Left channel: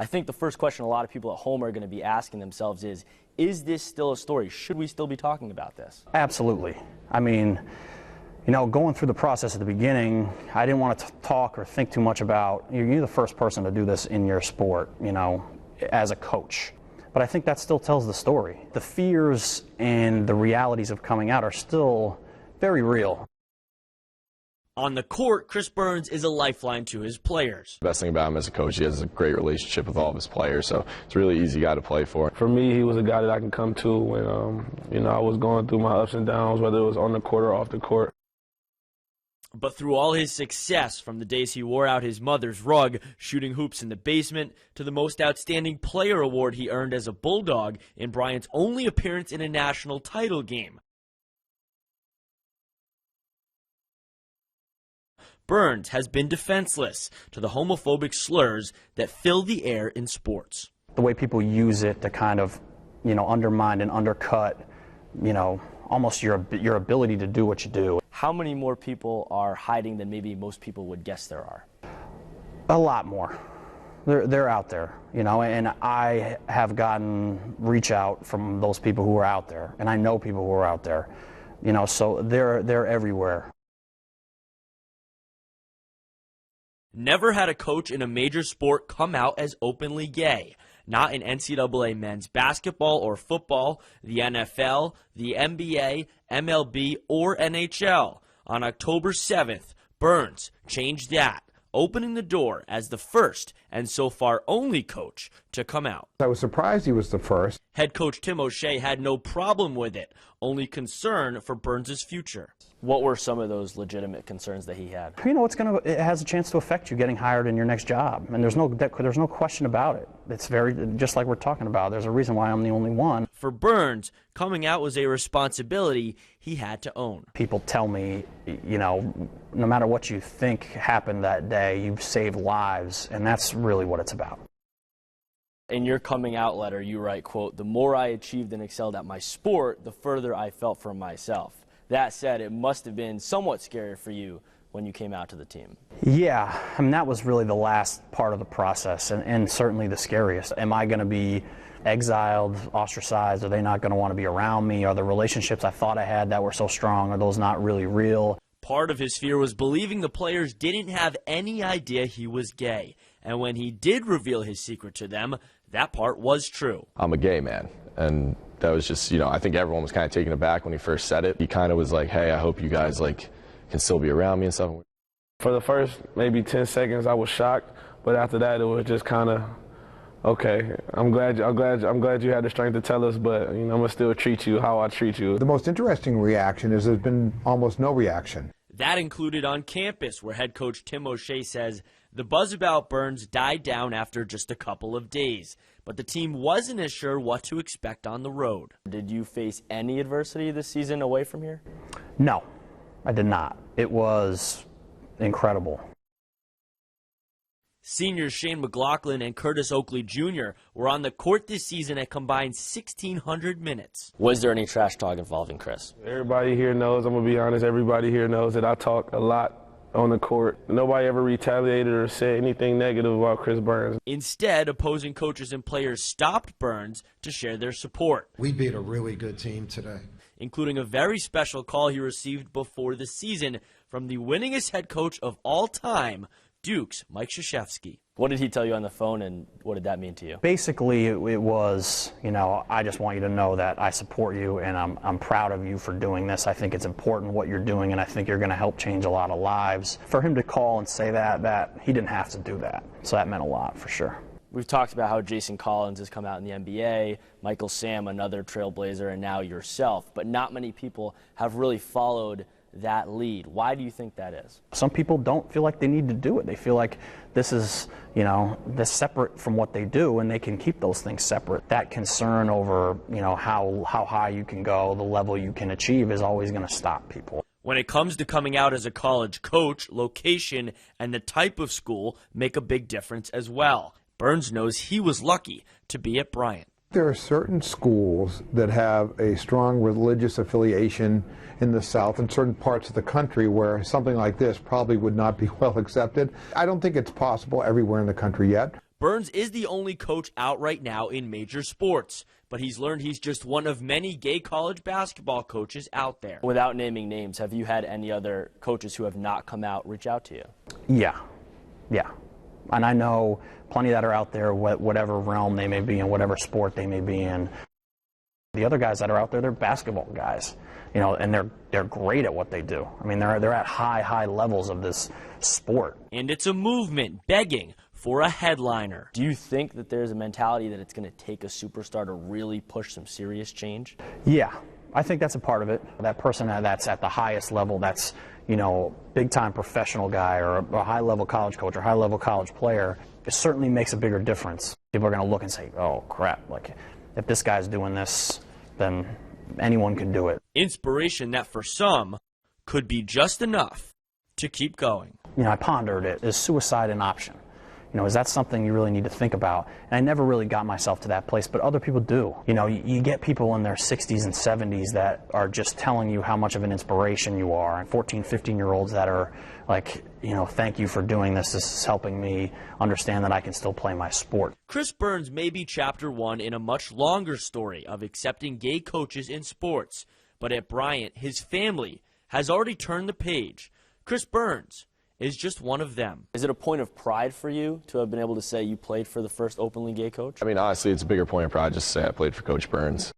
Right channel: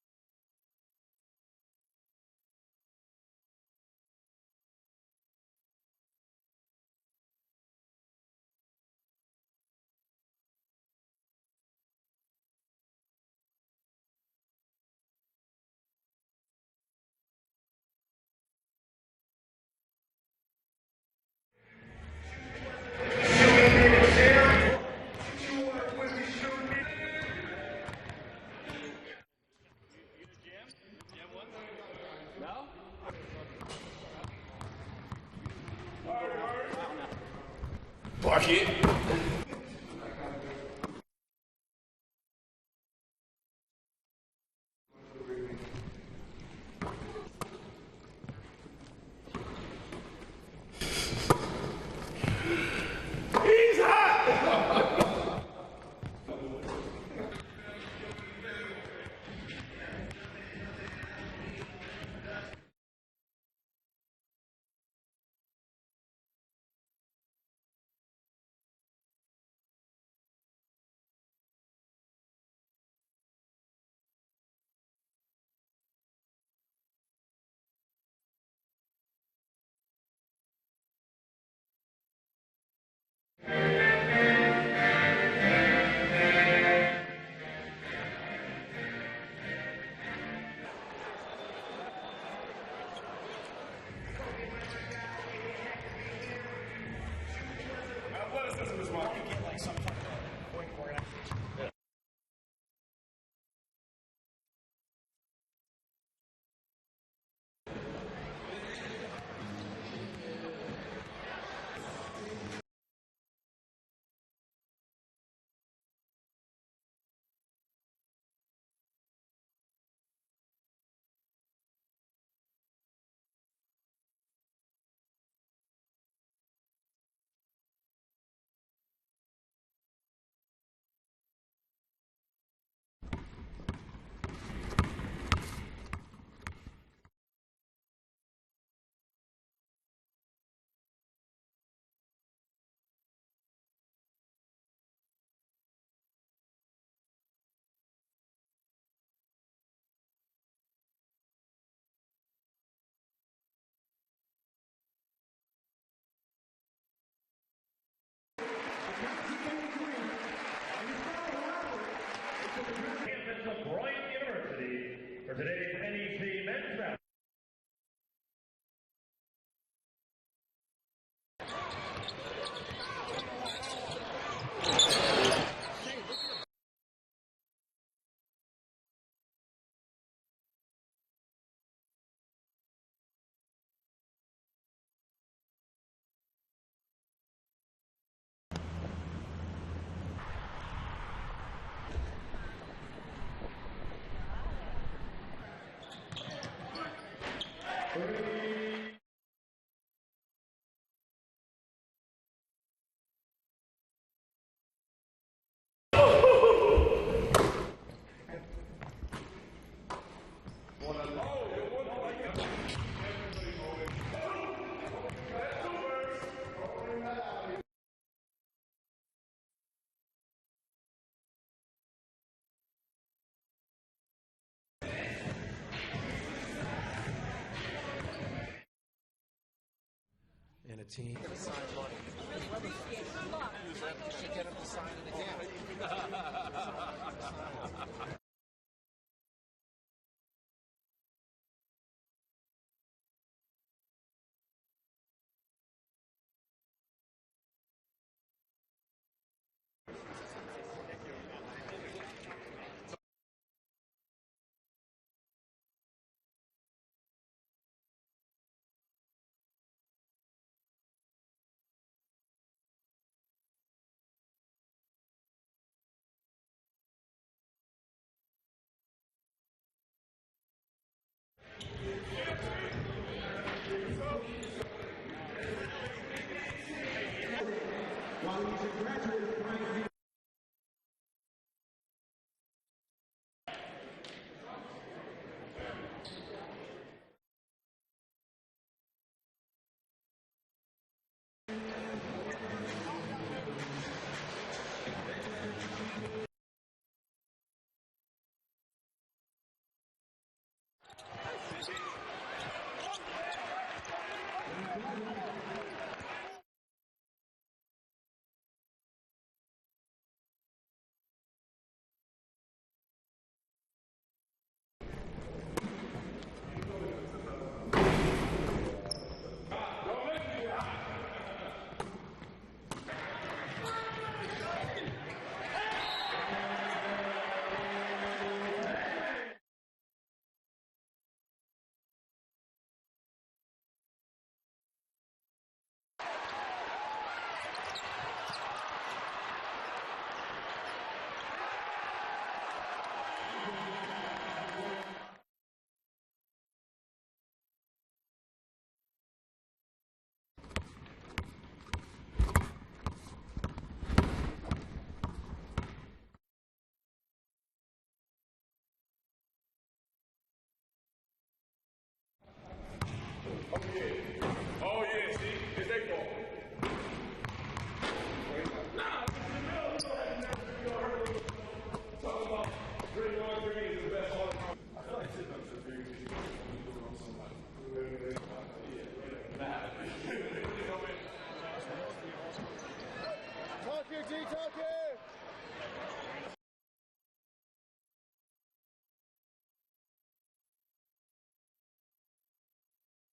I think the first question a lot of people at home are going to be asking themselves is this still a story? Should we still be talking about this? Absolutely. I mean, you know, going through the process at the beginning, I didn't want to talk or think too much about, you're the first person to do this in your sport, you know, as a coach. But I think that still tells the story. The fears and the realities of coming out are still very real. On the court, Chris Burns is a lifeline to his players. The best thing about him as a coach, he has a great relationship with all of his players, so it's a really easy guy to play for. For me, he was a guy that I can come to when, you know, I was going through my ups and downs, whether it was on the court or off the court. But through all his success, from the days he wore out his mother's rug, shooting hoops in the basement, to the most outstanding player award he earned as a Bulldog in Bryant's only appearance in a national title game. Burns has been defenseless to the homophobic slurs that fill the air in sports. The way people use it to kind of, you know, undermine and undercut, you know, almost your ability to do what you do. How many more people are hiding than maybe most people would guess there are? A lot more. They're out there, you know, and I have gotten reach out from those people who are out there, and I know people who are out there, you know, so they're everywhere. Never had a coach in a major sport come out as openly gay. Not in NCAA men's basketball or football, the NFL, the NBA, MLB, or NHL. On October 7th, Burns changed that, opening the door as the first and so far only coach to come out. I was surprised he was the first. Head coach Tim O'Shea had no problem with it, only concern for Burns' future. What were some of those legitimate concerns that he had? You know, it has a chance to affect you getting hired in your next job, and there's no question about it. It's very, just like we're talking about, there's a reason why I'm the only one. For Burns, coming out was a responsibility he had to own. People tell me, you know, no matter what you think happened that day, you've saved lives, and that's really what it's about. In your coming out letter, you write, quote, "The more I achieved and excelled at my sport, the further I felt for myself." That said, it must have been somewhat scary for you when you came out to the team. Yeah, I mean, that was really the last part of the process, and certainly the scariest. Am I going to be exiled, ostracized? Are they not going to want to be around me? Are the relationships I thought I had that were so strong, are those not really real? Part of his fear was believing the players didn't have any idea he was gay. And when he did reveal his secret to them, that part was true. I'm a gay man, and that was just, you know, I think everyone was kind of taken aback when he first said it. He kind of was like, hey, I hope you guys, like, can still be around me and stuff. For the first maybe 10 seconds, I was shocked, but after that, it was just kind of, okay, I'm glad you had the strength to tell us, but, you know, I'm going to still treat you how I treat you. The most interesting reaction is there's been almost no reaction. That included on campus, where head coach Tim O'Shea says the buzz about Burns died down after just a couple of days. But the team wasn't as sure what to expect on the road. Did you face any adversity this season away from here? No, I did not. It was incredible. Seniors Shane McLaughlin and Curtis Oakley Jr. were on the court this season at combined 1,600 minutes. Was there any trash talk involving Chris? Everybody here knows, I'm going to be honest, everybody here knows that I talk a lot on the court. Nobody ever retaliated or said anything negative about Chris Burns. Instead, opposing coaches and players stopped Burns to share their support. We beat a really good team today, including a very special call he received before the season from the winningest head coach of all time, Duke's Mike Krzyzewski. What did he tell you on the phone, and what did that mean to you? Basically, it was, you know, I just want you to know that I support you, and I'm proud of you for doing this. I think it's important what you're doing, and I think you're going to help change a lot of lives. For him to call and say that he didn't have to do that, so that meant a lot for sure. We've talked about how Jason Collins has come out in the NBA, Michael Sam, another trailblazer, and now yourself, but not many people have really followed that lead. Why do you think that is? Some people don't feel like they need to do it. They feel like this is, you know, this separate from what they do, and they can keep those things separate. That concern over, you know, how high you can go, the level you can achieve is always going to stop people. When it comes to coming out as a college coach, location and the type of school make a big difference as well. Burns knows he was lucky to be at Bryant. There are certain schools that have a strong religious affiliation in the South and certain parts of the country where something like this probably would not be well accepted. I don't think it's possible everywhere in the country yet. Burns is the only coach out right now in major sports, but he's learned he's just one of many gay college basketball coaches out there. Without naming names, have you had any other coaches who have not come out reach out to you? Yeah. And I know plenty that are out there, whatever realm they may be in, whatever sport they may be in. The other guys that are out there, they're basketball guys, you know, and they're great at what they do. I mean, they're at high levels of this sport. And it's a movement begging for a headliner. Do you think that there's a mentality that it's going to take a superstar to really push some serious change? Yeah, I think that's a part of it. That person that's at the highest level, that's, you know, big-time professional guy or a high-level college coach or high-level college player, it certainly makes a bigger difference. People are going to look and say, oh, crap, like, if this guy's doing this, then anyone can do it. Inspiration that for some could be just enough to keep going. You know, I pondered it. Is suicide an option? You know, is that something you really need to think about? And I never really got myself to that place, but other people do. You know, you get people in their 60s and 70s that are just telling you how much of an inspiration you are, and 14, 15-year-olds that are like, you know, thank you for doing this. This is helping me understand that I can still play my sport. Chris Burns may be chapter one in a much longer story of accepting gay coaches in sports, but at Bryant, his family has already turned the page. Chris Burns is just one of them. Is it a point of pride for you to have been able to say you played for the first openly gay coach? I mean, honestly, it's a bigger point of pride just to say I played for Coach Burns.